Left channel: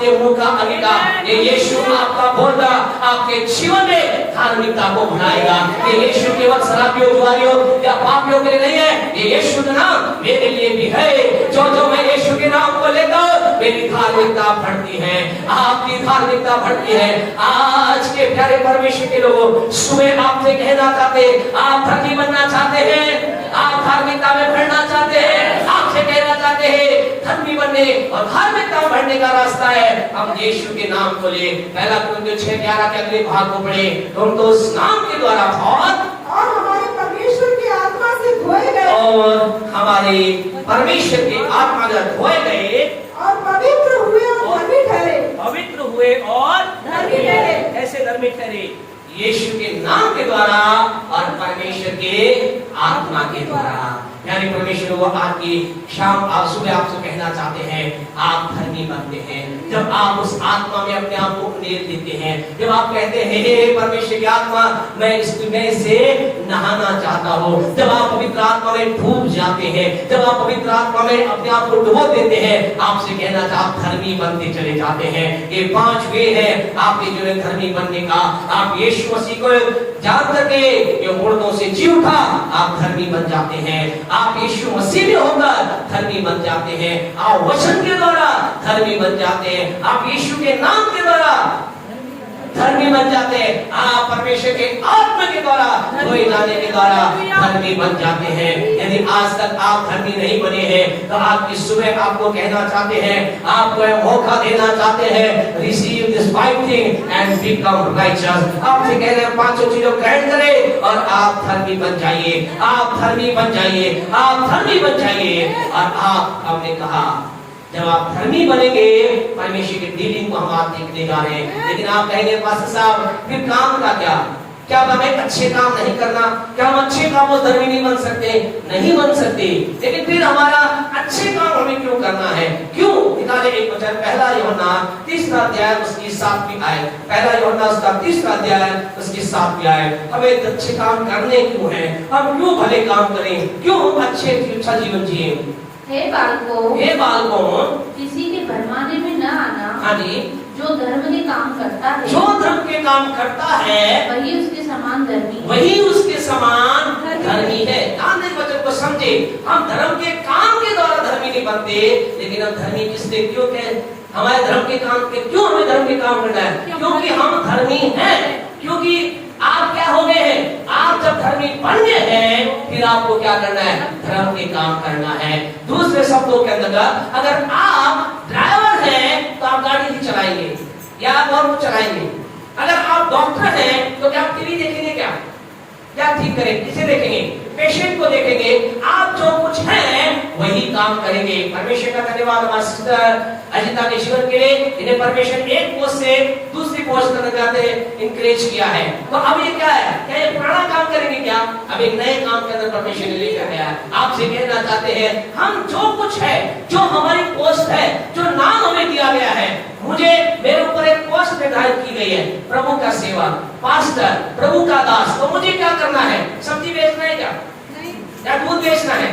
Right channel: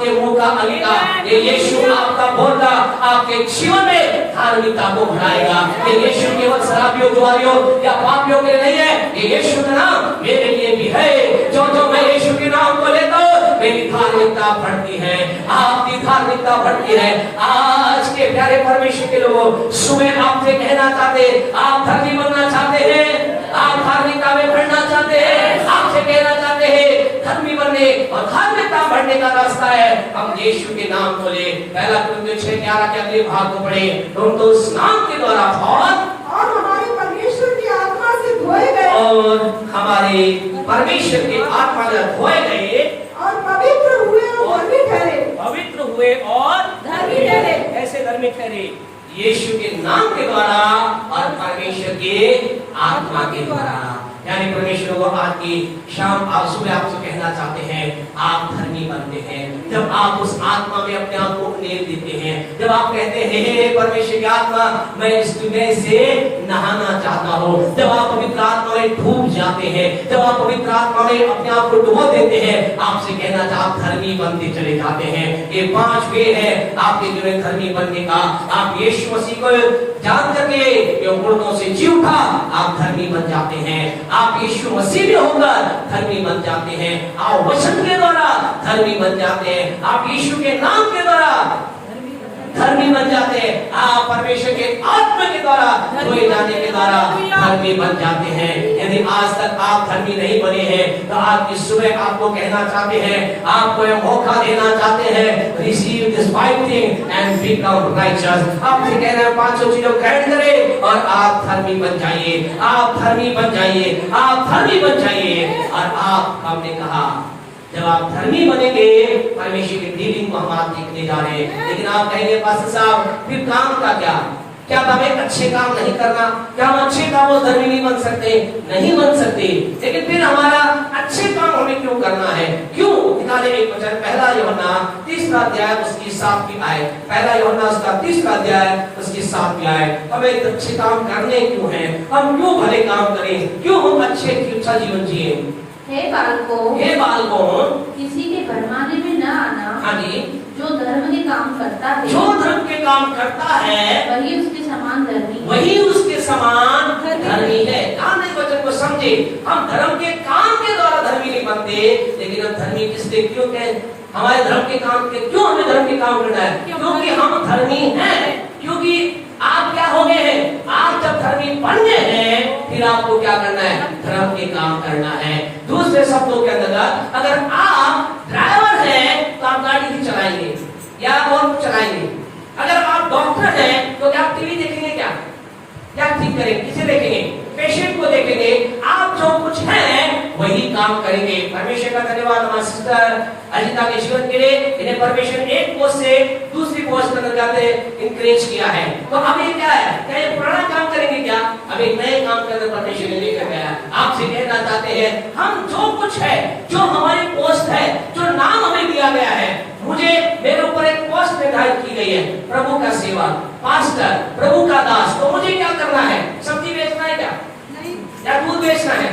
आपके मुंह का आएगा, ये यीशु आपका बोलना आपके जीवन में धार्मिकता को बढ़ाएगा। ये यीशु केवल शराबियों, जुआरियों या पापियों के लिए नहीं है, ये यीशु का नाम मेरे लिए भी है। जो मैं यीशु के नाम को लेता हूं, मेरी धार्मिकता बढ़ती है, आपकी धार्मिकता बढ़ती है। आज के प्यारे परमेश्वर के लोगों, सुबह आपसे कहना चाहते, आप धर्मी बनना चाहते हैं, आप धार्मिकता में बढ़ना चाहते हैं, आपसे कहना चाहते हैं धर्मी बनने और धार्मिकता बढ़ने का रास्ता है हम यीशु के नाम को ले। पहला कुरिन्थियों 6:11 के अगले भाग को पढ़े, तुम तो उस नाम के द्वारा और हमारे परमेश्वर की आत्मा से धोए गए, और हमारे परमेश्वर की आत्मा से धोए गए और पवित्र हुए और धर्मी ठहरे। पवित्र हुए और धर्मी ठहरे। ऐसे धर्मी ठहरे यीशु के नाम के द्वारा और परमेश्वर के आत्मा के द्वारा। यानी परमेश्वर वो आज की शाम आज सुबह आपसे कहना चाहते हैं, आप धर्मी बनते हैं जब आप उस आत्मा में अपने आप को उड़ेल देते हैं। जब आप कहते हैं हे परमेश्वर की आत्मा, मैं इसमें से नहाना चाहता हूँ। जब आप पवित्र आत्मा में डूब जाते हैं, जब आप पवित्र आत्मा में अपने आप को डुबो देते हैं, आपसे कहना था आप धर्मी बनते चले जाते हैं। ये 5 वे है आपके जीवन धर्मी बनने का। आप यीशु मसीह को जान करके ये मुर्दों से जी उठा, आप धर्मी बन जाते हैं। आप यीशु मसीह में होकर धर्मी बन जाते हैं। आप वचन के द्वारा धर्मी बन जाते हैं। आप यीशु के नाम के द्वारा धर्मी बन जाते हैं। आप परमेश्वर के आत्मा के द्वारा धोए जाने के द्वारा धर्मी बन जाते हैं। यदि आज तक आप धर्मी नहीं बने हैं तो आज इस सुबह आपको कहना चाहते हैं, आपको यह मौका देना चाहते हैं, receive this 5 thing and become righteous. आपसे कह रहे हैं 5 चीजों ग्रहण करें और आप धर्मी बन जाइए, आप धर्मी बन जाइए, आप धर्मी बन जाइए। और आप हमने कहा जब आप धर्मी बनेंगे परमेश्वर की डीलिंग को हम आप देखने जा रहे हैं। लेकिन आप कहेंगे पास्टर साहब फिर काम का क्या? क्या हमें अच्छे काम नहीं करना? क्या हम अच्छे कामों धर्मी नहीं बन सकते? नहीं बन सकते। लेकिन फिर हमारा अच्छे काम हमें क्यों करना है? क्यों? निकाले एक वचन, पहला यूहन्ना 3 अध्याय उसकी 7वीं आयत। पहला यूहन्ना उसका 3 अध्याय उसकी 7वीं आयत। हमें अच्छे काम करने क्यों है? हम क्यों भले काम करें? क्यों हम अच्छा जीवन जिए? हे बालकों, किसी के भरमाने में न आना। हाँ जी। जो धर्म के काम करता है, जो धर्म के काम करता है वही उसके समान धर्मी है। वही उसके समान धर्मी है। ध्यान दें वचन को समझे। हम धर्म के काम के द्वारा धर्मी नहीं बनते, लेकिन हम धर्मी किससे क्यों कहें? हमारे धर्म के काम के क्यों हमें धर्म के काम करना है? क्योंकि हम धर्मी हैं। क्योंकि आप क्या हो गए हैं? आप जब धर्मी बन गए हैं फिर आपको क्या करना है? धर्म के काम करना है। दूसरे शब्दों के अंदर अगर आप ड्राइवर हैं तो आप गाड़ी ही चलाएंगे या और कुछ चलाएंगे। अगर आप डॉक्टर हैं तो क्या आप टीवी देखेंगे? क्या ठीक करेंगे? किसे देखेंगे? पेशेंट को देखेंगे। आप जो कुछ है वही काम करेंगे। परमेश्वर का धन्यवाद हमारे सिस्टर अजिता के जीवन के लिए। इन्हें परमेश्वर एक पोस्ट से दूसरी पोस्ट में जाते इंकरेज किया है। तो अब ये क्या है? क्या ये पुराना काम करेंगे? क्या अब एक नए काम के अंदर परमेश्वर ने लेकर गया है। आपसे कहना चाहते हैं हम जो कुछ है, जो हमारी पोस्ट है, जो नाम हमें दिया गया है, मुझे मेरे ऊपर एक पोस्ट निर्धारित की गई है, प्रभु का सेवक, पास्टर, प्रभु का दास। तो मुझे क्या करना है? सब्जी बेचना है क्या? या दूध बेचना है?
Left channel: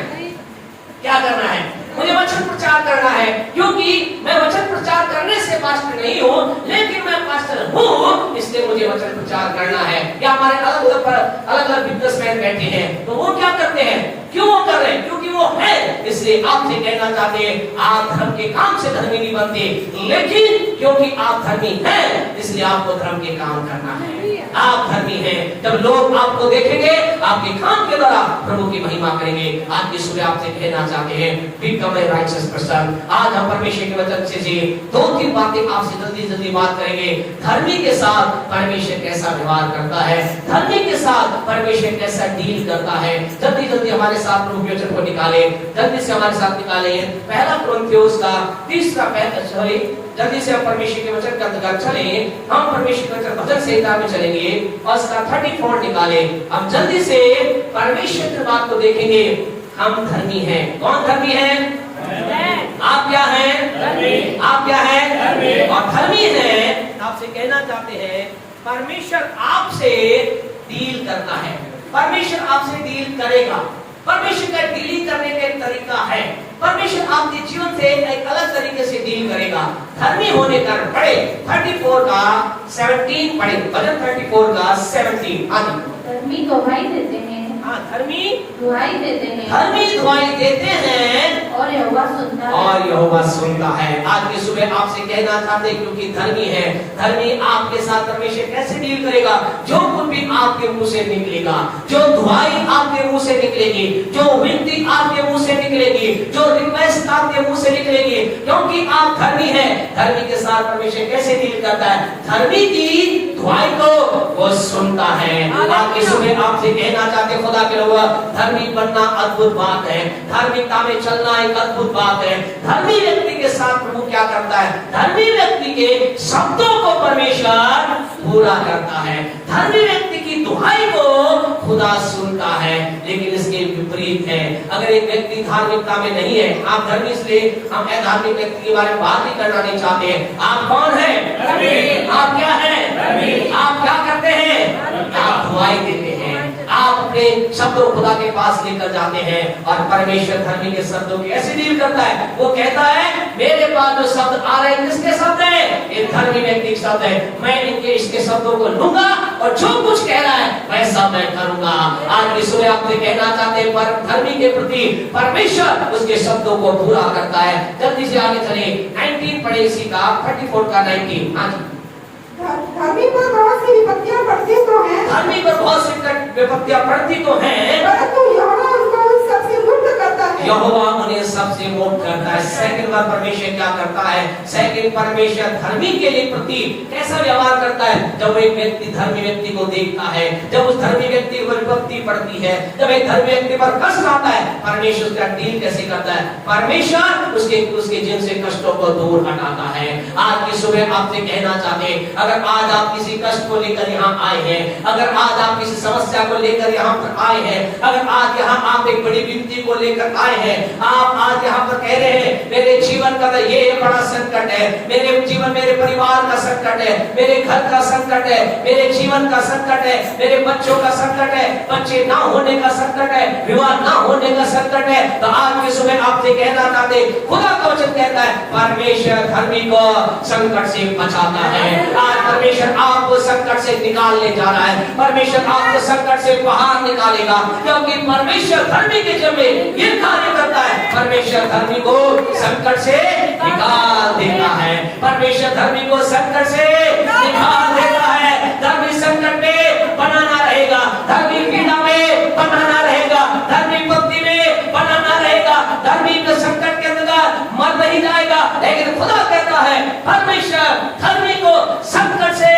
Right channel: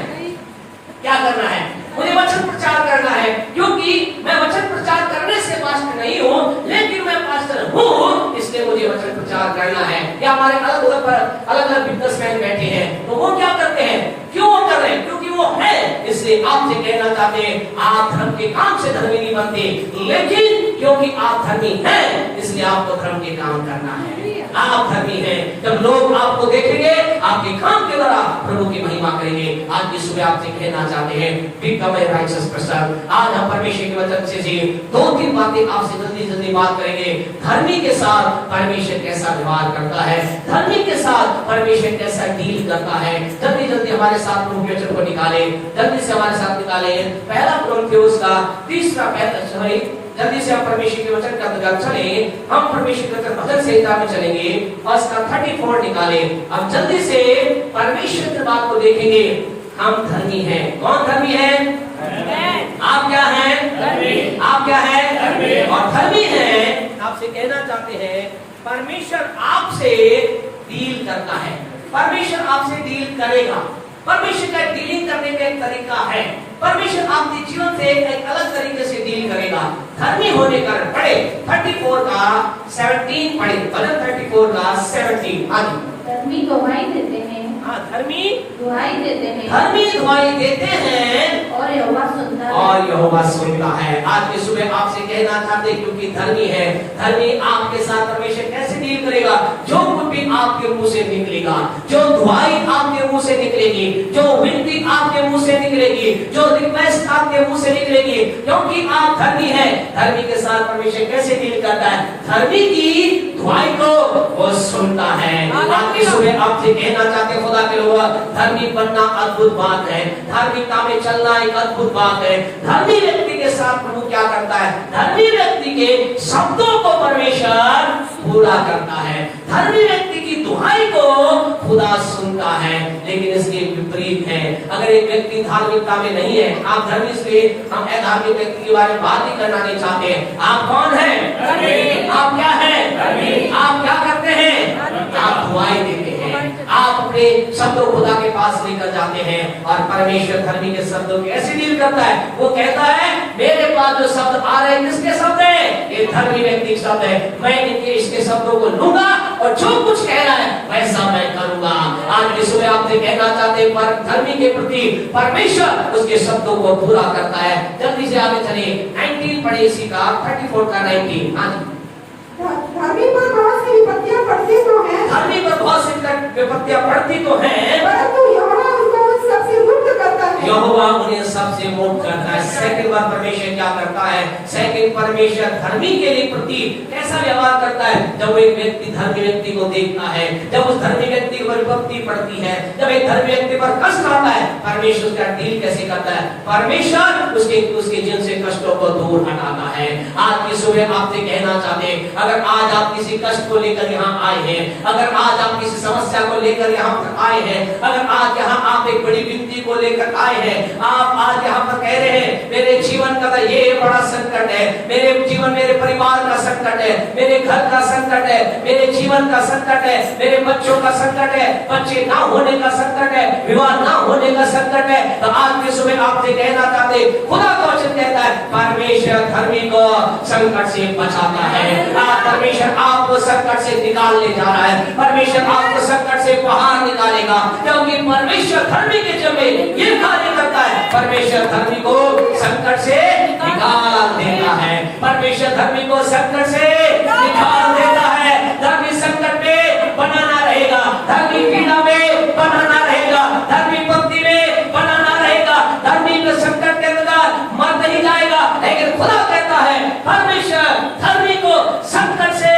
क्या करना है? मुझे वचन प्रचार करना है, क्योंकि मैं वचन प्रचार करने से पास्टर नहीं हूँ, लेकिन मैं पास्टर हूँ, इसलिए मुझे वचन प्रचार करना है। या हमारे अलग-अलग बिजनेसमैन बैठे हैं तो वो क्या करते हैं? क्यों वो कर रहे हैं? क्योंकि वो है। इसलिए आपसे कहना चाहते हैं आप धर्म के काम से धर्मी नहीं बनते, लेकिन क्योंकि आप धर्मी हैं इसलिए आपको धर्म के काम करना है। आप धर्मी हैं। जब लोग आपको देखेंगे आपके काम के द्वारा प्रभु की महिमा करेंगे। आज की सुबह आपसे कहना चाहते हैं बिकम ए राइचस पर्सन। आज हम परमेश्वर के वचन से जी 2-3 बातें आपसे जल्दी बात करेंगे। धर्मी के साथ परमेश्वर कैसा व्यवहार करता है, धर्मी के साथ परमेश्वर कैसा डील करता है। जल्दी हमारे साथ प्रभु के वचन को निकाले, जल्दी से हमारे साथ निकाले। पहला कुरिन्थियों का 3 जल्दी से हम परमेश्वर के वचन के अंदर चले। हम परमेश्वर के वचन भजन संहिता में चलेंगे और उसका 34 निकाले। हम जल्दी से परमेश्वर की बात को देखेंगे। हम धर्मी हैं। कौन धर्मी है? आप क्या हैं? आप क्या हैं? और धर्मी हैं। आपसे कहना चाहते हैं परमेश्वर आपसे डील करता है। परमेश्वर आपसे डील करेगा। परमेश्वर का डीलिंग करने का एक तरीका है। परमेश्वर आपके जीवन से एक अलग तरीके से डील करेगा। धर्मी होने का पढ़े 34 का 17 पढ़े, भजन 34 का 17। हाँ जी, धर्मी दुहाई देते हैं, हाँ धर्मी दुहाई देते हैं धर्मी दुआई देते हैं और यहोवा सुनता है। और यहोवा सुनता है। आज की सुबह आपसे कहना चाहते हैं, क्योंकि धर्मी है, धर्मी आपके साथ परमेश्वर कैसे डील करेगा? जो कुछ भी आपके मुंह से निकलेगा, जो दुआई आपके मुंह से निकलेगी, जो विनती आपके मुंह से निकलेगी, जो रिक्वेस्ट आपके मुंह से निकलेगी, क्योंकि आप धर्मी हैं। धर्मी के साथ परमेश्वर कैसे डील करता है? धर्मी की दुआई को वो सुनता है। आज की सुबह आपसे कहना चाहते हैं, खुदा के लोग, धर्मी बनना अद्भुत बात है, धार्मिकता में चलना एक अद्भुत बात है। धर्मी व्यक्ति के साथ प्रभु क्या करता है? धर्मी व्यक्ति के शब्दों को परमेश्वर पूरा करता है, धर्मी व्यक्ति की दुहाई को खुदा सुनता है। लेकिन इसके विपरीत है, अगर एक व्यक्ति धार्मिकता में नहीं है, आप धर्मी, इसलिए हम अधार्मिक व्यक्ति के बारे में बात नहीं करना नहीं चाहते। आप कौन है? आप क्या है? आप क्या करते हैं? आप दुआई देते हैं, आप अपने शब्दों खुदा के पास लेकर जाते हैं, और परमेश्वर धर्मी के शब्दों की ऐसी डील करता है। वो कहता है, मेरे पास जो शब्द आ रहे हैं किसके शब्द है? ये धर्मी व्यक्ति के शब्द है। मैं इनके इसके शब्दों को लूंगा और जो कुछ कह रहा है वैसा मैं करूंगा। आज की सुबह आपसे कहना चाहते हैं, पर धर्मी के प्रति परमेश्वर उसके शब्दों को पूरा करता है। जल्दी से आगे चले, 19 पढ़े इसी का 34 का 19। हाँ जी, धर्मी पर बहुत सी विपत्तियां पड़ती तो हैं, धर्मी पर बहुत सी विपत्तियां पड़ती तो हैं, परंतु यहोवा उनको उन सबसे मुक्त करता है। यहोवा उन्हें सबसे मुक्त करता है। सेकंड बार परमेश्वर क्या करता है? सेकंड, परमेश्वर धर्मी के लिए प्रति कैसा व्यवहार करता है? जब एक व्यक्ति धर्मी व्यक्ति को देखता है, जब उस धर्मी व्यक्ति को विपत्ति पड़ती है, जब एक धर्मी व्यक्ति पर कष्ट आता है, परमेश्वर उसका डील कैसे करता है? परमेश्वर उसके जीवन से कष्टों को दूर हटाता है। आज की सुबह आपसे कहना चाहते हैं, अगर आज आप किसी कष्ट को लेकर यहाँ आए हैं, अगर आज आप किसी समस्या को लेकर यहाँ पर आए हैं, अगर आज यहाँ आप एक बड़ी विनती को लेकर आए हैं, आप आज यहाँ पर कह रहे हैं, मेरे जीवन का ये बड़ा संकट है, मेरे जीवन, मेरे परिवार का संकट है, मेरे घर का संकट है, मेरे जीवन का संकट है, मेरे बच्चों का संकट है, बच्चे ना होने का संकट है, विवाह ना होने का संकट है, तो आज की सुबह आपसे कहना चाहते, खुदा का वचन कहता है, परमेश्वर धर्मी को संकट से बचाता है। आज परमेश्वर आपको संकट से निकालने जा रहा है, परमेश्वर आपको संकट से बाहर निकालेगा, क्योंकि परमेश्वर धर्मी के जब ये कार्य करता है, परमेश्वर धर्मी को संकट से निकाल देता है, परमेश्वर धर्मी को संकट से निकाल देता है। धर्मी संकट में बनाना रहेगा, धर्मी पीड़ा में बनाना रहेगा, धर्मी भक्ति में बनाना रहेगा, धर्मी के संकट के अंदर मर नहीं जाएगा। लेकिन खुदा कहता है, परमेश्वर धर्मी को संकट से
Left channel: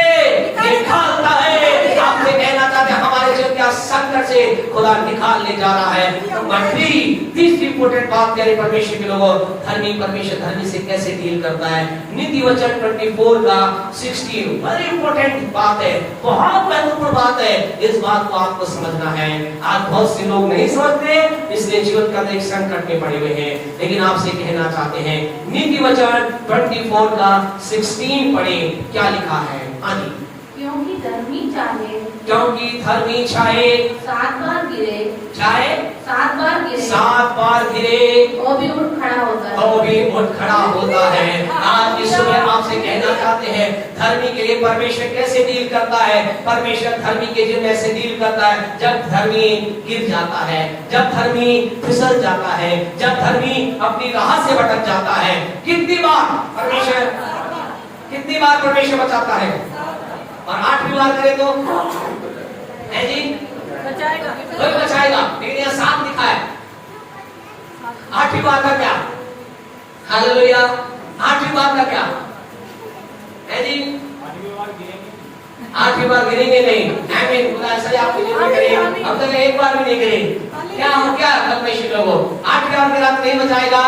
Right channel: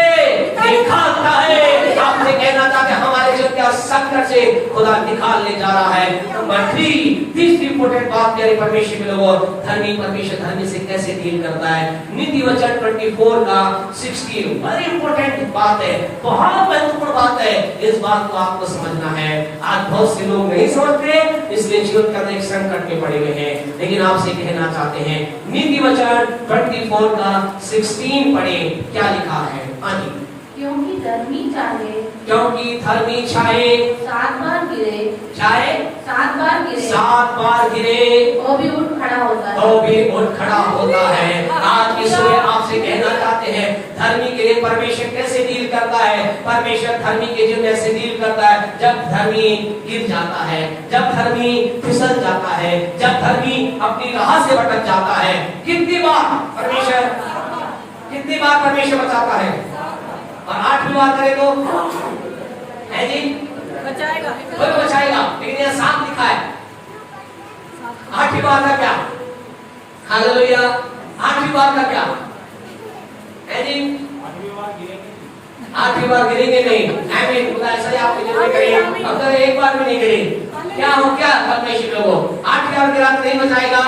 निकालता है। आपसे कहना चाहते हैं, हमारे जो क्या संकट से खुदा निकालने जा रहा है। नंबर 3, तीसरी इंपॉर्टेंट बात करें, परमेश्वर के लोगों, धर्मी परमेश्वर धर्मी से कैसे डील करता है? नीति वचन 24 का 16 बड़ी इंपॉर्टेंट बात है, बहुत महत्वपूर्ण बात है। इस बात को आपको समझना है। आज बहुत से लोग नहीं समझते, इसलिए जीवन का एक संकट में पड़े हुए हैं। लेकिन आपसे कहना चाहते हैं, नीति वचन 24 का 16 पढ़े, क्या लिखा है? हाँ जी, क्योंकि धर्मी चाहे 7 बार गिरे, चाहे 7 बार गिरे, 7 बार गिरे वो भी उठ खड़ा होता है, तो भी उठ खड़ा होता है। आज की सुबह आपसे कहना चाहते हैं, धर्मी के लिए परमेश्वर कैसे डील करता है? परमेश्वर धर्मी के जीवन में ऐसे डील करता है, जब धर्मी गिर जाता है, जब धर्मी फिसल जाता है, जब धर्मी अपनी राह से भटक जाता है। कितनी बार परमेश्वर बचाता है? और 8वीं बार करे तो है जी, बचाएगा, कोई बचाएगा। लेकिन यहाँ 7 लिखा है, 8वीं बार का क्या? हालेलुया, 8वीं बार का क्या है जी? 8वीं बार गिरेंगे नहीं। आमीन। खुदा ऐसा आप करेंगे, अब तक एक बार भी नहीं गिरे। क्या हो, क्या परमेश्वर लोगों 8वीं बार गिरा नहीं बचाएगा।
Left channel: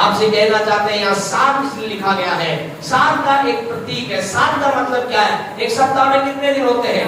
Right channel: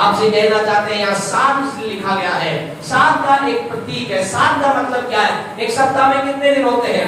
आपसे कहना चाहते हैं, यहाँ 7 लिखा गया है। 7 का एक प्रतीक है। 7 का मतलब क्या है? एक सप्ताह में कितने दिन होते हैं?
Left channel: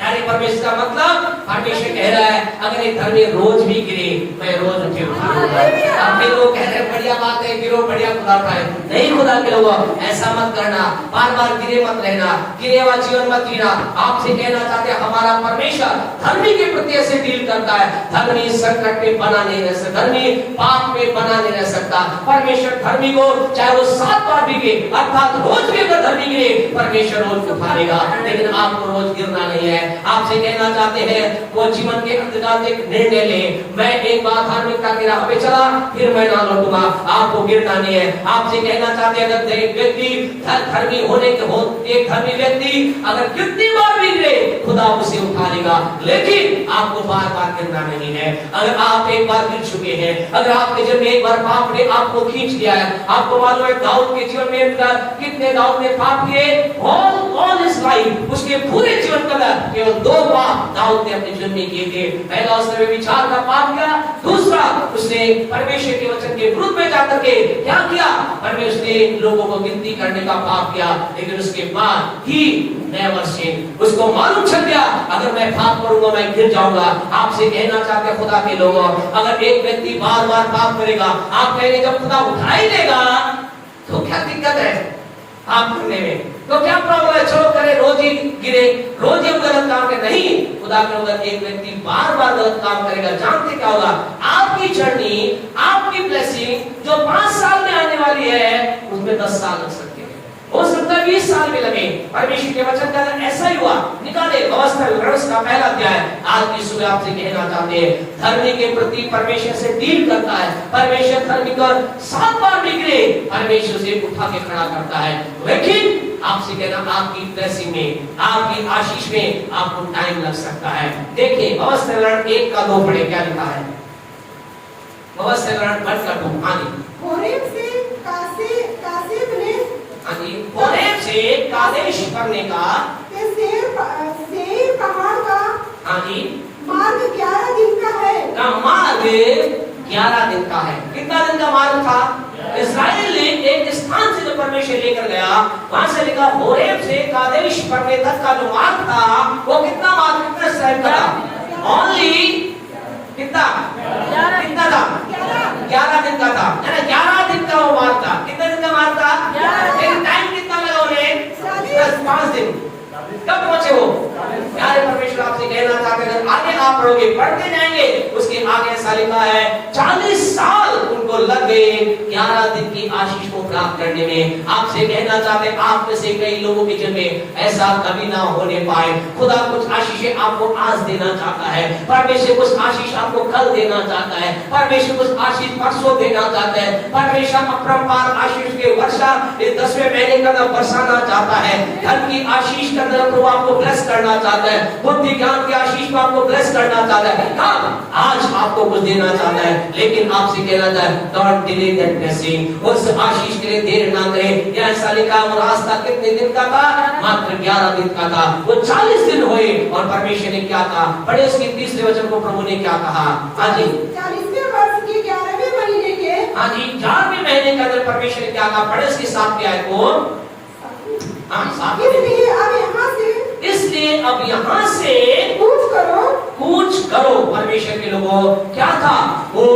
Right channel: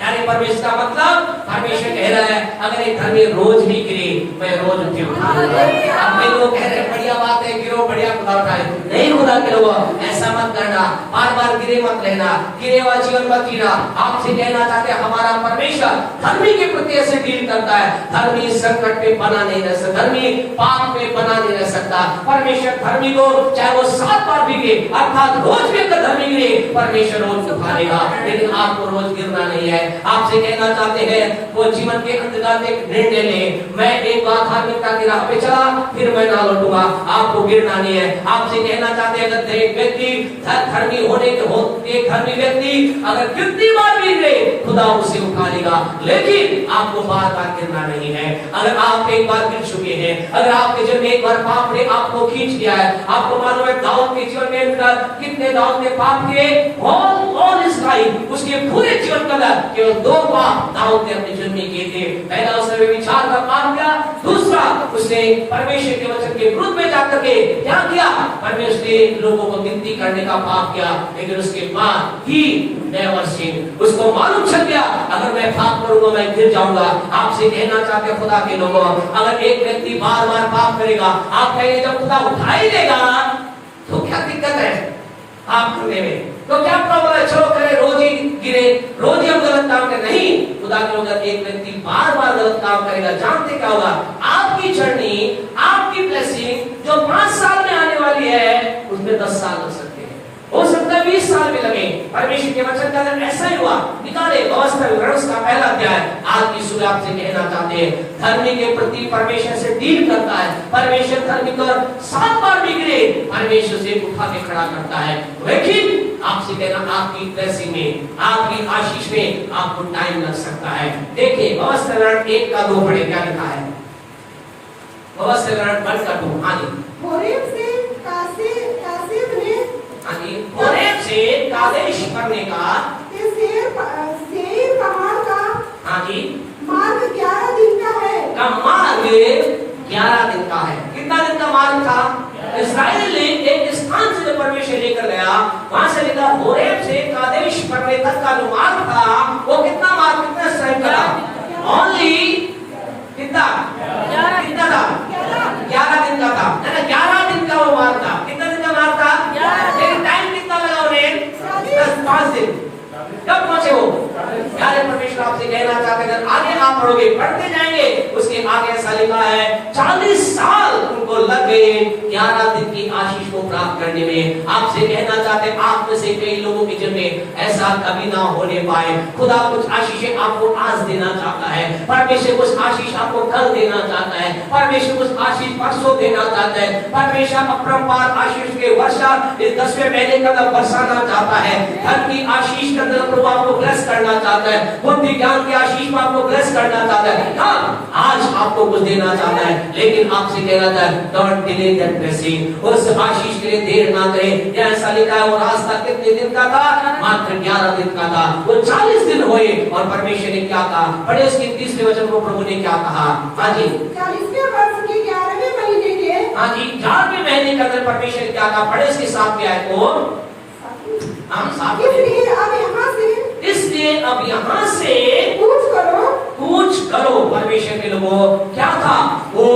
यानी परमेश्वर का मतलब, परमेश्वर कह रहा है, अगर एक धर्मी रोज भी गिरे, मैं रोज उठे उठाऊंगा। अब मैं लोग कह रहे हैं, बढ़िया बात है, गिरो, बढ़िया खुदा उठाए। नहीं, खुदा के लोगों, ऐसा मत करना, बार बार गिरे मत रहना, गिरे हुआ जीवन मत जीना। आपसे कहना चाहते हैं, हमारा परमेश्वर धर्मी के प्रति ऐसे डील करता है। धर्मी संकट में बना नहीं रह सकता, धर्मी पाप में बना नहीं रह सकता। सकता। परमेश्वर धर्मी को चाहे वो 7 बार भी गिरे, अर्थात रोज भी अगर धर्मी गिरे, परमेश्वर रोज उठा लेगा। लेकिन आपको रोज गिरना नहीं है। आपसे कहना चाहते हैं वो जीवन के अंधकार में एक निर्णय ले, मैं एक बार धार्मिकता की राह पे चला, फिर मैं ना लौटूंगा। आपको गिरना नहीं है। आपसे कहना चाहते हैं अगर एक व्यक्ति धर्मी होने के हो, एक धर्मी व्यक्ति अगर कितनी बार भी गिरे, खुदा उसे उठा लेगा। लेकिन आपको बार बार गिरना नहीं है। अगर आप एक बार गिर चुके हैं, अगर आपके जीवन में एक बार पाप ने आपको खींच लिया है, आपको मालूम है दाऊद के जीवन में कितने दाऊद ने पाप किए, ऑल हिज लाइफ, उसके पूरे जीवन का केवल 2 पाप दाऊद ने अपने जीवन में किए थे। पहला उसने विचार का पाप किया, दूसरा उसने परमेश्वर के वचन के विरुद्ध में जाकर के क्या किया, परमेश्वर ने लोगों को गिनती करने का पाप किया। लेकिन उसके बाद ही नेवर सिन, उसको मालूम चल गया अगर मैं पाप करूंगा मैं गिर जाऊंगा। आपसे कहना चाहते हैं खुदा के लोगों, अगर एक व्यक्ति बार बार पाप करेगा, आप कहेंगे जब खुदा उठा ही देगा तो क्या दिक्कत है पाप करने में, तो क्या प्रॉब्लम है, चलो करे, रोज ही गिरे, रोज ही हम गलत काम करें। नहीं, खुदा के लोग एक व्यक्ति बार बार गलत काम करेगा, जानते क्या होगा, आपकी जर्नी, आपकी ब्लेसिंग जो 5 साल में आने वाली है उसमें 10 साल लग सकते हैं, हो सकता है 20 साल में लगे। परमेश्वर के वचन का ऐसा ही हुआ। निकाले व्यवस्था विवरण का पहला अध्याय। आज की सुबह आपसे कहना चाहते हैं धर्मी के प्रति परमेश्वर से डील करता है। परमेश्वर धर्मी कर 7 बार बिगड़े, परमेश्वर से उठा के खड़ा करता है। लेकिन आपसे कहना आपकी ब्लेसिंग में, आपकी आशीष में आपको टाइम लग सकता है। देखिए व्यवस्था विवरण 1 का 2 पढ़े क्या लिखा है। व्यवस्था विवरण 1 का 2 आगे। होरेब से कासेब ने होरेब से कादेश करने का सेईर पहाड़ का मार्ग 11 दिन का है। का मार्ग 11 दिन का है। कितना दिन का मार्ग था? इस्राएल ने एक स्थान से परमेश्वर लेकर गया, वहां से लेकर होरेब से कादेश करने तक का जो मार्ग था वो कितना मार्ग, कितना समय का था? ओनली कितना था? 11 दिन का था। 11 दिन का वो मार्ग था। कितना दिन का मार्ग था? लेकिन टाइम कितना लगा उन्हें? 5 दिन। कब पहुंचे वो? प्यारे परमेश्वर आपसे कहना चाहते हैं अगर आगे आप पढ़ोगे, पढ़ते जाएंगे, उसके आगे ऐसा लिखा है 40 साल उनको लग गए 11 दिन की आशीष को प्राप्त करने में। आपसे कहना चाहते हैं आप में से कई लोगों के जीवन में ऐसा कभी ना होने पाए। खुदा कुछ आशीषें आपको आज देना चाहता है, परमेश्वर कुछ आशीष आपको कल देना चाहता है, परमेश्वर कुछ आशीष परसों देना चाहता है, परमेश्वर अपरंपार आशीष के वर्षा इस 10वें महीने का अंदर बरसाना चाहता है। धन की आशीष के अंदर प्रभु आपको ब्लेस करना चाहता है, बुद्धि ज्ञान की आशीष में आपको ब्लेस करना चाहता है। हाँ, आज आपको कुछ देना चाहता है, लेकिन आपसे कह रहा था डोंट डिले दैट ब्लेसिंग। उस आशीष के लिए देर ना करें। यह ऐसा लिखा है वो रास्ता कितने दिन का था? मात्र 11 दिन का था। वो 40 दिन हुए और परमेश्वर ने क्या कहा? पढ़े उसके 30वें वचन को प्रभु ने क्या कहा? हाँ जी, 40वें वर्ष के 11वें महीने के, हाँ जी, 11वें महीने का अंदर परमेश्वर ने क्या कहा? पढ़े उसके 7वें आयत को। हाँ, 7वें। इसलिए अब यहाँ से कूच करो। परमेश्वर के लोगों क्या था? वो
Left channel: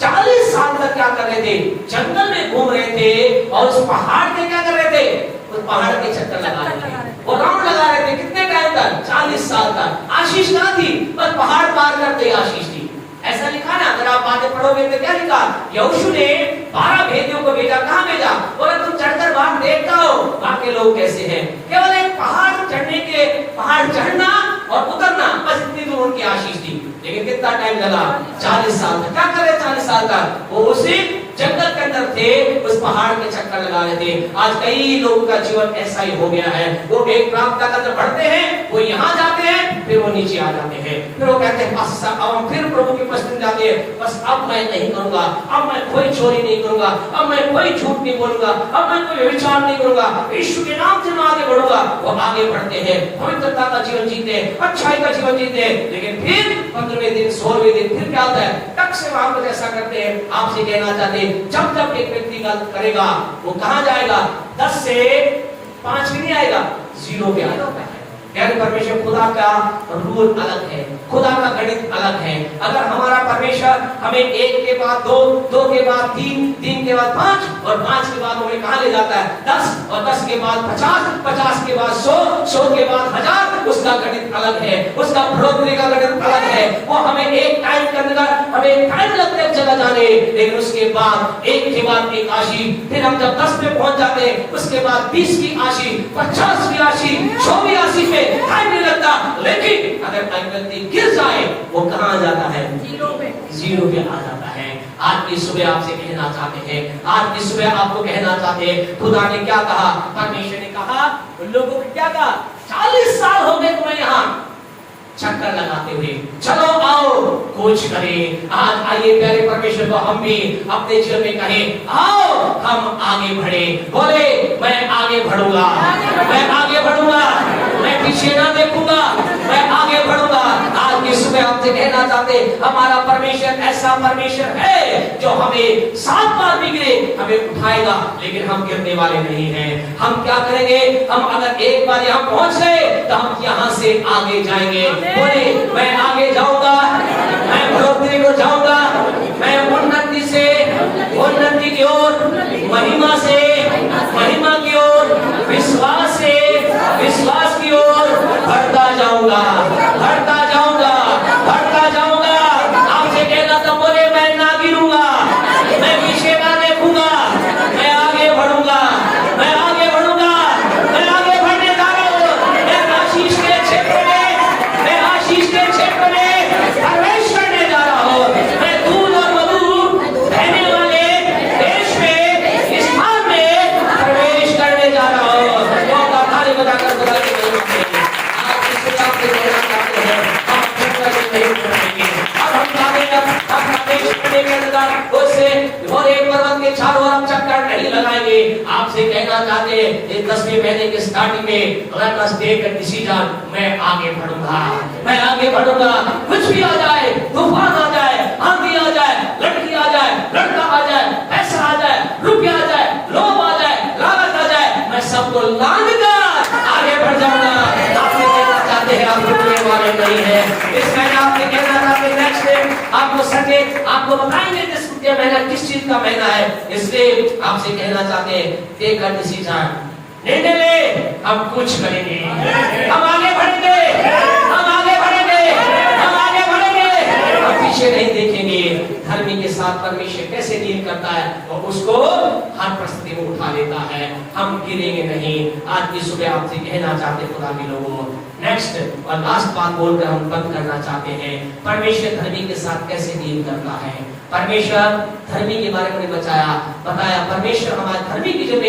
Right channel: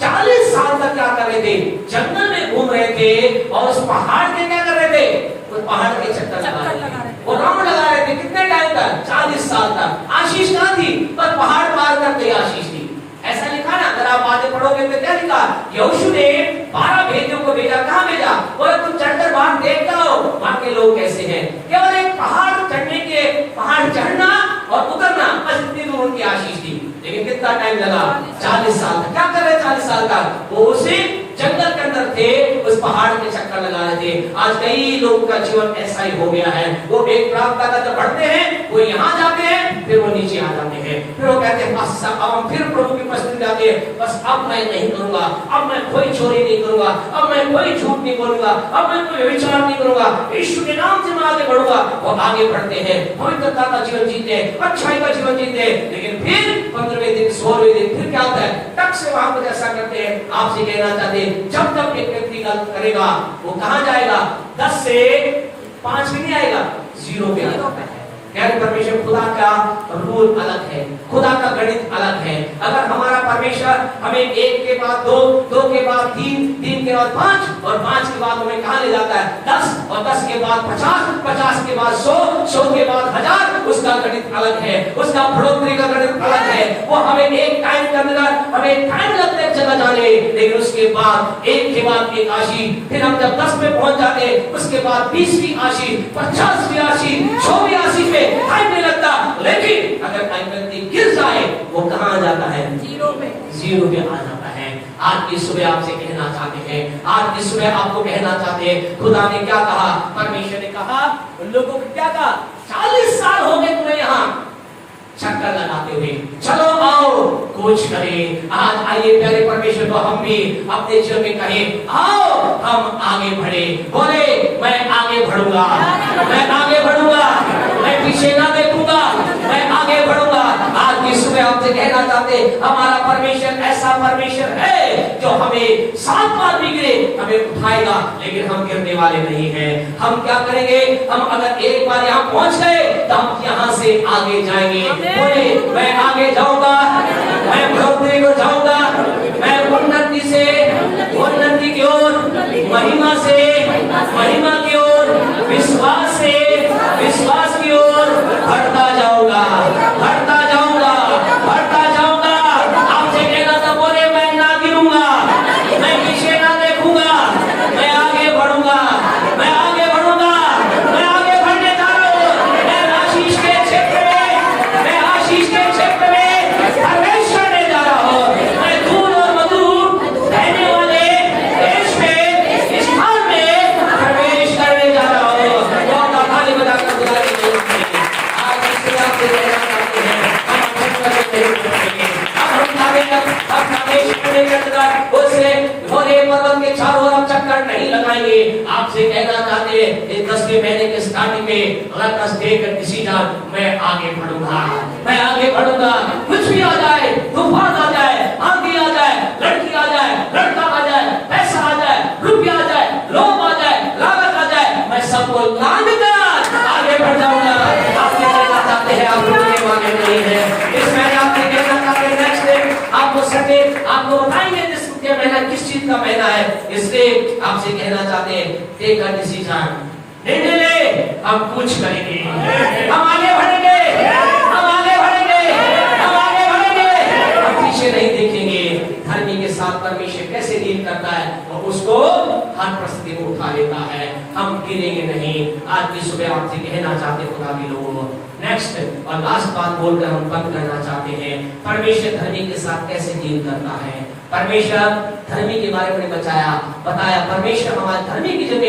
40 साल तक क्या कर रहे थे? जंगल में घूम रहे थे और उस पहाड़ के क्या कर रहे थे? उस पहाड़ के चक्कर लगा रहे थे, वो राउंड लगा रहे थे। कितने टाइम तक? 40 साल तक। आशीष कहाँ थी? बस पहाड़ पार करते आशीष थी। ऐसा लिखा ना, अगर आप बातें पढ़ोगे तो क्या लिखा? यहोशू ने 12 भेदियों को भेजा। कहाँ भेजा? बोला तुम चढ़कर बाहर देख आओ वहां के लोग कैसे हैं। केवल एक पहाड़ चढ़ने के, पहाड़ चढ़ना और उतरना, बस इतनी दूर उनकी आशीष थी। लेकिन कितना टाइम लगा? 40 साल तक। क्या कर रहे 40 साल तक? वो उसी जंगल के अंदर थे, उस पहाड़ के चक्कर लगा रहे थे। आज कई लोगों का जीवन ऐसा ही हो गया है। वो एक प्राप्त का अंदर बढ़ते हैं, वो यहाँ जाते हैं, फिर वो नीचे आ जाते हैं, फिर वो कहते हैं बस अब हम फिर प्रभु की उपस्थिति में जाते हैं। बस अब मैं नहीं करूंगा, अब मैं कोई चोरी नहीं करूंगा, अब मैं कोई झूठ नहीं बोलूंगा, अब मैं कोई विचार नहीं करूंगा, यीशु के नाम से मैं आगे बढ़ूंगा। वो आगे बढ़ते हैं, पवित्रता का जीवन जीते हैं, अच्छाई का जीवन जीते हैं। लेकिन फिर 15वें दिन 16वें दिन फिर क्या होता है? टक से वहां कुछ ऐसा करते हैं। आपसे कहना चाहते हैं जब जब एक व्यक्ति गलत करेगा वो कहां जाएगा? 10 से 5 भी नहीं आएगा, 0 पे आएगा। परमेश्वर खुदा का रूल अलग है, खुदा का गणित अलग है। अगर हमारा परमेश्वर हमें 1 के बाद 2, 2 के बाद 3, 3 के बाद 5 और 5 के बाद हमें कहां ले जाता है 10 और 10 के बाद 50, 50 के बाद 100, 100 के बाद 1000, उसका गणित अलग है, उसका बढ़ोतरी का गणित अलग है। वो हमें एक टाइम के अंदर हमें टाइम लगता है चला जाने, लेकिन उसके बाद 1 के बाद 1 आशी, फिर हम जब 10 पे पहुंच जाते हैं उसके बाद 20 की आशी, 50 की आशी, 100 की आशी पे टाइम नहीं लगता। लेकिन अगर टाइम व्यक्ति गिर जाए वो कहां आ जाता है? जीरो पे आ जाता है। आज की सुबह आपसे कहना चाहते हैं, आज की सुबह आपको कहना चाहते हैं, खुदा ने क्या कहा? परमेश्वर ने कहा उन लोगों को क्या कहा? 40 साल हो गए तुम्हें यहाँ चक्कर लगाते हुए, चलो आओ कुछ करें। आज आइए प्यारे परमेश्वर को हम भी अपने जीवन में कहें, आओ हम आगे बढ़े। बोले मैं आगे बढ़ूंगा, मैं आगे बढ़ूंगा, मैं पीछे ना देखूंगा, मैं आगे बढ़ूंगा। आज की सुबह आपसे कहना चाहते, हमारा परमेश्वर ऐसा परमेश्वर है जो हमें 7 बार भी गिरे हमें उठाएगा, लेकिन हम गिरने वाले नहीं हैं। हम क्या करेंगे? हम अगर एक बार यहाँ पहुंच गए तो हम यहाँ से आगे जाएंगे। बोले मैं आगे जाऊंगा, मैं बढ़ोतरी को जाऊंगा, मैं उन्नति से उन्नति की ओर, महिमा से महिमा की ओर, विश्वास से विश्वास की ओर बढ़ता जाऊंगा, बढ़ता जाऊंगा, बढ़ता जाऊंगा। आपसे कहना था, बोले मैं ना गिरूंगा, मैं पीछे ना देखूंगा, मैं आगे बढ़ूंगा, मैं आगे बढ़ूंगा, मैं आगे बढ़ने जा रहा हूं। मैं आशीष के क्षेत्र में, मैं आशीष के क्षेत्र में प्रवेश करने जा रहा हूं। मैं दूध और मधु बहने वाले देश में, इस स्थान में प्रवेश करने जा रहा हूं। बहुत ताली बजाकर खुदा की स्तुति करें। आज इस सुबह आपसे कहना चाहते हैं, हम खुदा के नहीं करेंगे। अब हम अपना देश करने के अंदर उससे घोरे पर्वत के चारों ओर चक्कर नहीं लगाएंगे। आपसे कहना चाहते हैं, इस 10वें महीने के स्टार्टिंग में let us take a decision, मैं आगे बढ़ूंगा, मैं आगे बढ़ूंगा। कुछ भी आ जाए, तूफान आ जाए, आंधी आ जाए, लड़की आ जाए, लड़का आ जाए, पैसा आ जाए, रुपया आ जाए, लोभ आ जाए, लागत आ जाए, मैं सबको लानकर आगे बढ़ जाऊंगा। आपसे कहना चाहते हैं, आप रुकने वाले नहीं है। इस महीने आपसे कहना चाहते हैं, नेक्स्ट डे आपको सके आपको बताएंगे ये महीना किस चीज का महीना है। इसलिए आपसे कहना चाहते हैं, टेक अ डिसीजन, निर्णय ले, हम कुछ करेंगे, हम आगे बढ़ेंगे, हम आगे बढ़ेंगे, हम आगे बढ़ेंगे, हम पीछे नहीं देखेंगे। धर्मी के साथ परमेश्वर कैसे डील करता है, वो उसको हर परिस्थिति में उठा लेता है। हम गिरेंगे नहीं। आज की सुबह आपसे कहना चाहते हैं, खुदा के लोगों, नेक्स्ट और लास्ट बात बोलकर हम बंद करना चाहते हैं, परमेश्वर धर्मी के साथ कैसे डील करता है। परमेश्वर धर्मी के बारे में बताया परमेश्वर हमारे धर्मी की जगह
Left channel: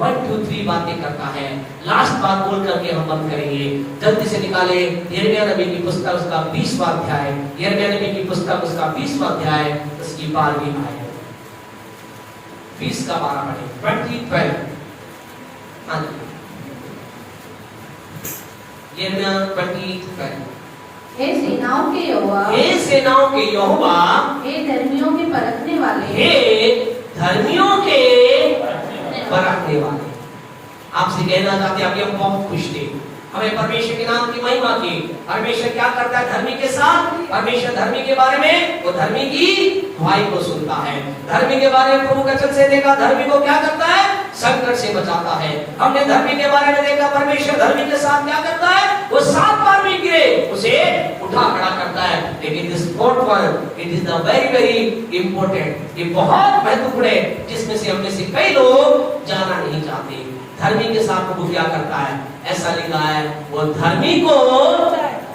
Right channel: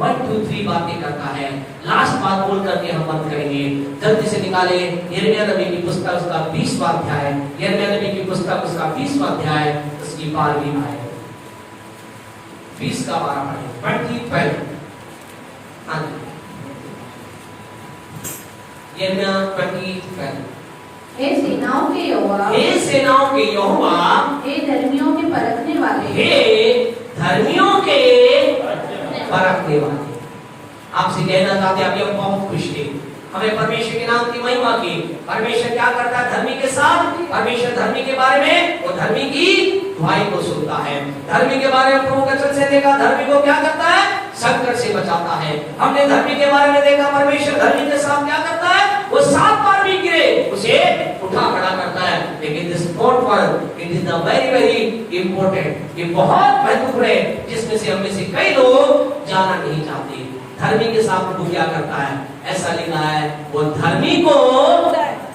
1, 2, 3 बातें करता है। लास्ट बात बोल करके हम बंद करेंगे। जल्दी से निकाले यिर्मयाह नबी की पुस्तक, उसका 20वां अध्याय, यिर्मयाह नबी की पुस्तक, उसका 20वां अध्याय, उसकी 12वीं आयत, 20 का 12 पढ़े, 20:12। यिर्मयाह 20:12। हे सेनाओं के यहोवा, हे सेनाओं के यहोवा, हे धर्मियों के परखने वाले, हे धर्मियों के परखने वाले। आपसे कहना चाहते हैं, अभी हम बहुत खुश थे, हमें परमेश्वर के नाम की महिमा की। परमेश्वर क्या करता है धर्मी के साथ? परमेश्वर धर्मी के बारे में, वो धर्मी की दुआई को सुनता है। धर्मी के बारे में प्रभु वचन से देखा, धर्मी को क्या करता है? संकट से बचाता है। हमने धर्मी के बारे में देखा, परमेश्वर धर्मी के साथ क्या करता है? वो 7 बार भी गिरे उसे उठा खड़ा करता है। लेकिन this fourth one, it is the very very important, ये बहुत महत्वपूर्ण है, जिसमें से हमने से कई लोग जाना नहीं चाहते। धर्मी के साथ प्रभु क्या करता है? ऐसा लिखा है, वो धर्मी को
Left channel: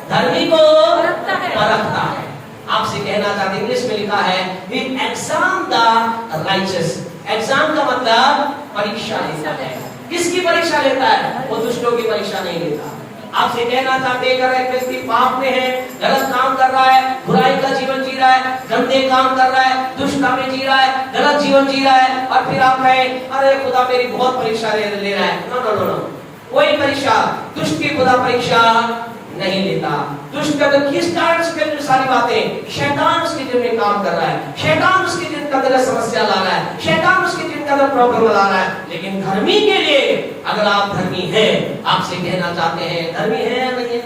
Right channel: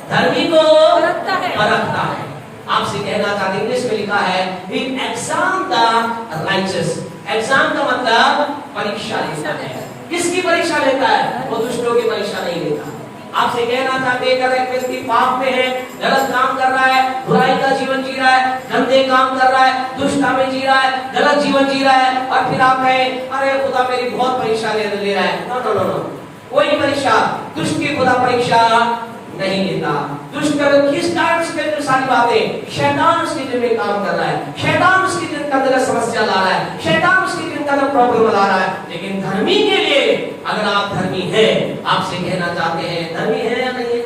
परखता है। आपसे कहना चाहते, इंग्लिश में लिखा है, he examine the righteous। Exam का मतलब परीक्षा लेता है। किसकी परीक्षा लेता है? वो दुष्टों की परीक्षा नहीं लेता। आपसे कहना चाहते हैं, अगर एक व्यक्ति पाप में है, गलत काम कर रहा है, बुराई का जीवन जी रहा है, गंदे काम कर रहा है, दुष्टता में जी रहा है, गलत जीवन जी रहा है, और फिर आप कहें, अरे खुदा मेरी बहुत परीक्षा ले रहा है। नो नो नो नो, कोई परीक्षा, दुष्ट की खुदा परीक्षा नहीं लेता। दुष्ट का तो किस कारण से जो सारी बातें, शैतान उसके दिल में काम कर रहा है, शैतान उसके दिल के अंदर समस्या ला रहा है, शैतान उसके दिल के अंदर प्रॉब्लम ला रहा है। लेकिन धर्मी के लिए, अगर आप धर्मी हैं, आपसे कहना चाहते हैं, धर्मी है या नहीं है?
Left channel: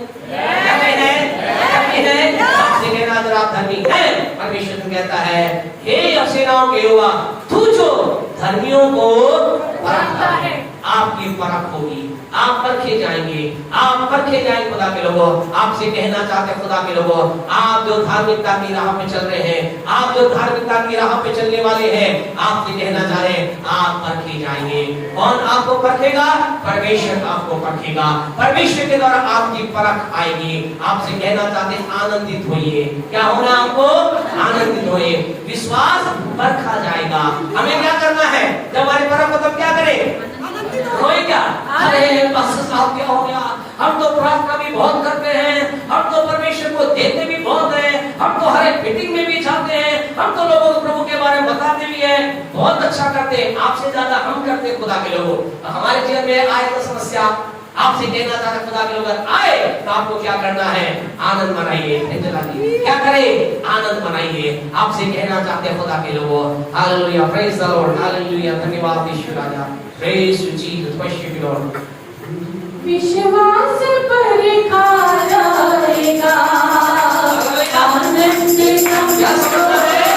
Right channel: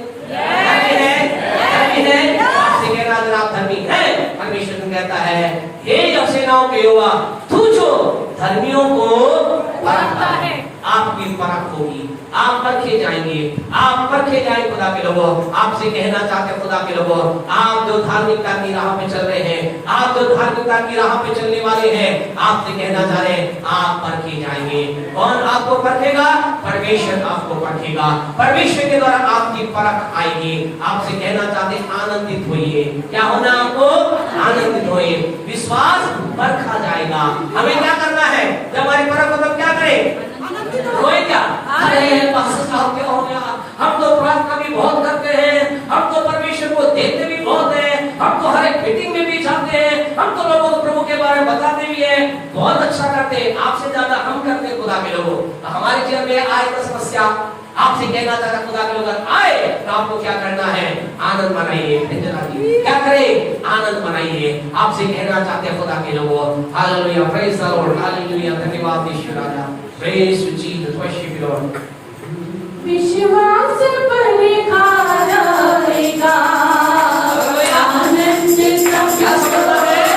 धर्मियों को परखता है। आपकी परख होगी, आप परखे जाएंगे, आप परखे जाएंगे खुदा के लोगों। आपसे कहना चाहते खुदा के लोगों, आप जो धार्मिकता की राह पे चल रहे हैं, आप जो धार्मिकता की राह पे चलने वाले हैं, आपसे कहना चाह रहे हैं आप परखे जाएंगे। कौन आपको परखेगा? परमेश्वर आपको परखेगा। परमेश्वर के द्वारा आपकी परख आएगी। आपसे कहना चाहते आनंदित होइए। क्या होना आपको? आनंदित होइए। विश्वास परखा जाएगा। हमें क्या करना है? जब हमारी परख हो तब क्या करें? रोए क्या? अरे पास्टर साहब क्या हो गया? हम तो प्रार्थना भी बहुत करते हैं, हम तो परमेश्वर को देखते भी बहुत हैं, हम तो हर एक मीटिंग में भी जाते हैं, हम तो लोगों को प्रभु के बारे में बताते भी हैं, बहुत अच्छा करते हैं। आपसे ज्यादा हम करते हैं खुदा के लोगों। हमारे जीवन में आए तो समस्या, आपसे कहना चाहता खुदा के लोग आए तो आपको क्या करना है? आनंद मनाइए। क्या करें? आनंद मनाइए। आपसे कहना चाहते खुदा के लोगों, hallelujah, praise the lord, hallelujah, धन्यवाद यीशु राजा, praise to Jesus, worship you lord. विश्वास परखा जाएगा, आनंद समझो, विश्वास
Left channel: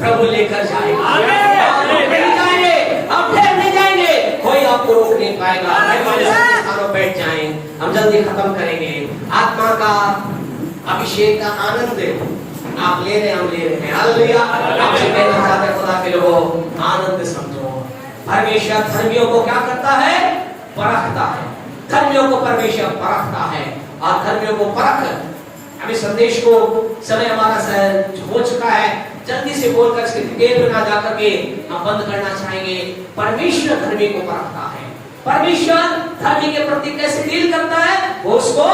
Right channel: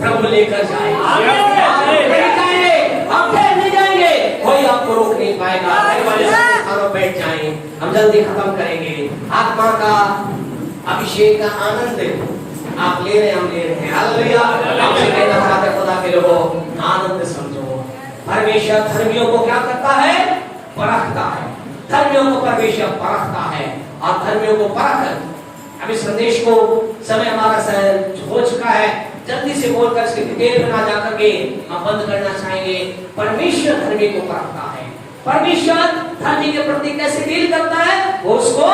परखा लेकर जाएगा। नहीं जाएंगे, हम फिर नहीं जाएंगे, कोई आपको रोक नहीं पाएगा। बैठ जाएं, हम जल्दी खत्म करेंगे। आत्मा का अभिषेक का आनंद आप ले रहे हैं, हम ले रहे हैं। हालेलुया। आपसे कहना चाहते हैं खुदा के लोगों, आनंद समझो। परमेश्वर धर्मियों को क्या करता है? परखता है। धर्मियों को परमेश्वर परखता है और धर्मियों को परख अभी संदेश को समय हमारा हो चुका है, जल्दी से बोलकर इसके डिटेल में ना जाकर के हम बंद करना चाहेंगे। परमेश्वर धर्मी को परखता है। परमेश्वर धर्मी के प्रति कैसे डील करता है, वो उसको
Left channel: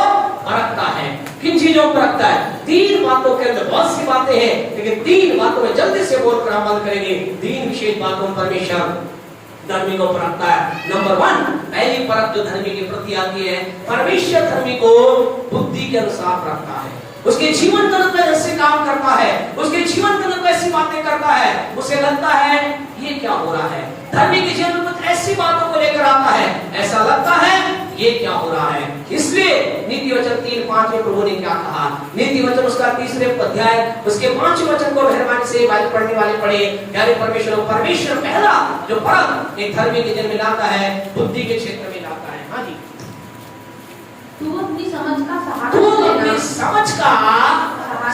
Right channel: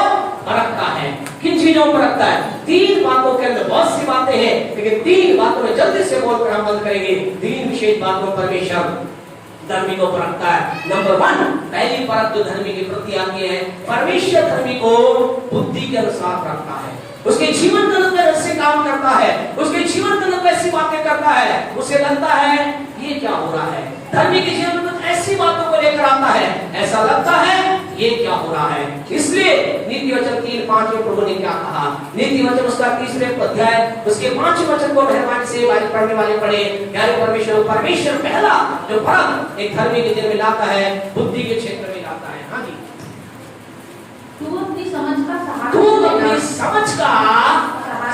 परखता है। किन चीजों पर रखता है? 3 बातों के अंदर, बहुत सी बातें हैं लेकिन 3 बातों में जल्दी से बोलकर हम बंद करेंगे। 3 विशेष बातों परमेश्वर धर्मी को परखता है। नंबर 1, पहली परख जो धर्मी के प्रति आती है, परमेश्वर धर्मी को बुद्धि के अनुसार रखता है। उसके जीवन काल में ऐसे काम करता है, उसके जीवन काल में ऐसी बातें करता है, उसे लगता है ये क्या हो रहा है। धर्मी के जीवन में ऐसी बातों को लेकर आता है, ऐसा लगता है ये क्या हो रहा है। इसलिए नीति वचन 3:5 में प्रभु ने क्या कहा, नीति वचन उसका 3रे अध्याय उसके 5वें वचन को मेहरबानी से पढ़ने वाले पढ़े। प्यारे परमेश्वर पहला जो परख एक धर्मी के जीवन में लाता है, बुद्धि के क्षेत्र में लाता है। हाँ जी, तू अपनी समझ का सहारा तू लेना। अपनी समझ का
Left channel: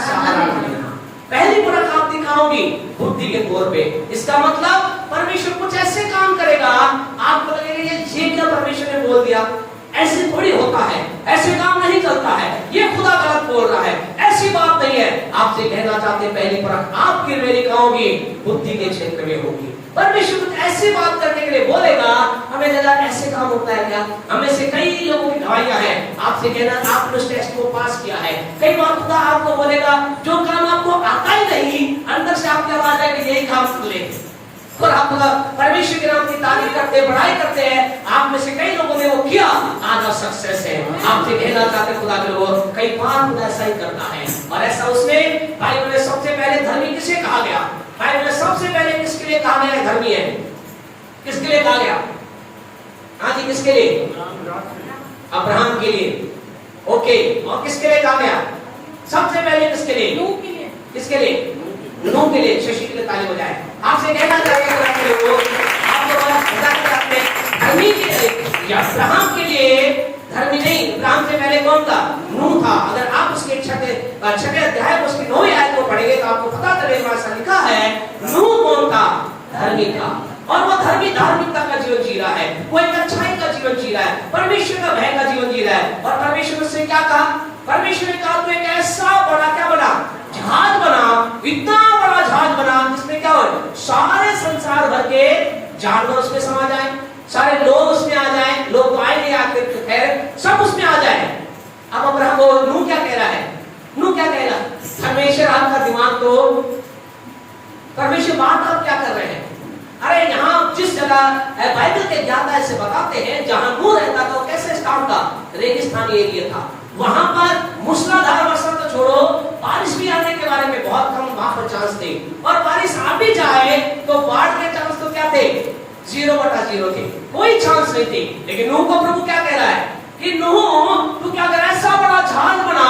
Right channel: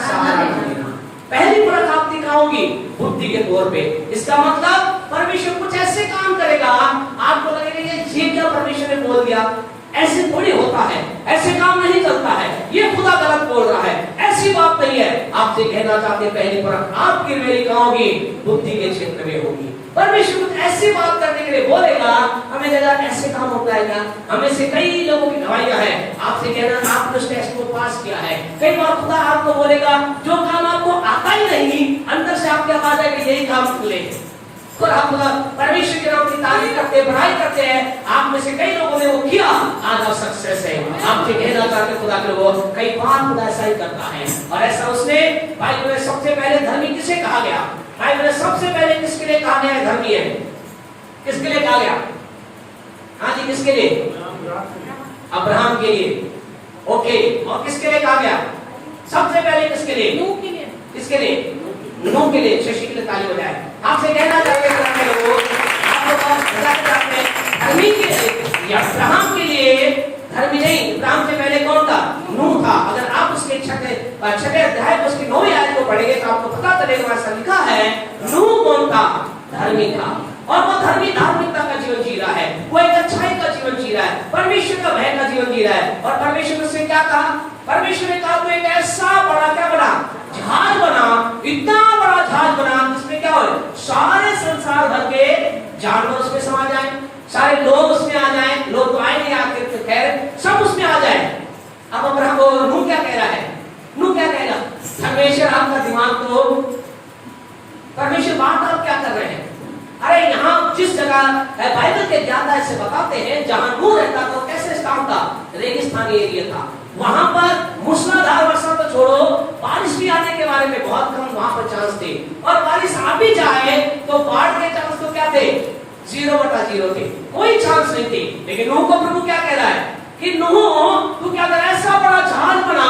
सहारा लेना। पहली परख आप दिखाओगी बुद्धि के तौर पे। इसका मतलब परमेश्वर कुछ ऐसे काम करेगा, आपको लगेगा ये क्या परमेश्वर ने बोल दिया। ऐसे थोड़ी होता है, ऐसे काम नहीं चलता है, ये खुदा गलत बोल रहा है, ऐसी बात नहीं है। आपसे कहना चाहते हैं पहली परख आपकी मेरी कहोगी बुद्धि के क्षेत्र में होगी। परमेश्वर कुछ ऐसी बात करने के लिए बोलेगा, हमें लगा ऐसे काम होता है क्या। हमें से कई लोगों की गवाहियां हैं, आपसे कहना आपने उस टेस्ट को पास किया है। कई बार खुदा आपको बोलेगा जो काम आपको आता ही नहीं, अंदर से आपके आवाज है कि यही काम कर ले, और आप परमेश्वर के नाम की तारीफ करते हैं, बड़ाई करते हैं। आप में से कई लोगों ने वो किया, आज आप सक्सेस है। आपसे कहना चाहते खुदा के वो कई बार खुदा ऐसा ही करता है। और ऐसा उसने बाइबल में सबसे पहले धर्मी किसे कहा गया, बाइबल में सबसे पहले किसके लिए कहा गया धर्मी है, किसके लिए कहा गया। हाँ जी, किसके लिए? अब्राहम के लिए। ओके, और किसके लिए कहा गया सबसे पहले? किसके लिए? नूह के लिए। किसके लिए? नूह के लिए। शशि के लिए ताली बजाएं। आपसे कहना चाहते हैं धर्मी के लिए, अब्राहम के लिए धर्मी नहीं। अब्राहम से पहले कौन था? नूह था। अगर आप उसके छठे अध्याय उसकी 9वीं आयत को पढ़ेंगे तो आपको पता चलेगा ऐसा लिखा है नूह कौन था? धर्मी था। और वो धर्मी धार्मिकता का जीवन जी रहा है, वो एक अच्छाई का जीवन जी रहा है, परमेश्वर का भय का जीवन जी रहा है। और परमेश्वर उससे क्या कहा? परमेश्वर ने कहा तू एक ऐसा बड़ा, क्या बड़ा जहाज बना, इतना बड़ा जहाज बना जिसमें क्या हो सारे संसार भर के जानवर उसमें समा जाए, सारे लोग उसमें आ जाए। लोग तो आए नहीं, आते खैर सब उसमें आ जाए। अब अब्राहम नूह क्या कह रहा है? नूह क्या कहेगा? परमेश्वर आपका दिमाग तो, परमेश्वर बात आप क्या कर रहे हैं? अरे यहाँ जिस जगह बाइबल के ज्ञाता ऐसे बताते हैं जहां नूह रहता था, कैसे स्टार्ट था? रेगिस्तानी एरिया था। वहां पर मूसलाधार वर्षा तो छोड़ो, बारिश भी आने के बारे में बहुत कम वहां पर चांस थे। और बारिश आ भी जाए तो बाढ़ के चांस तो क्या थे? 0/0 थे, कोई चांस नहीं थे। लेकिन नूह को प्रभु क्या कह रहा है कि नूह तू क्या कर, ऐसा बड़ा जहाज बना,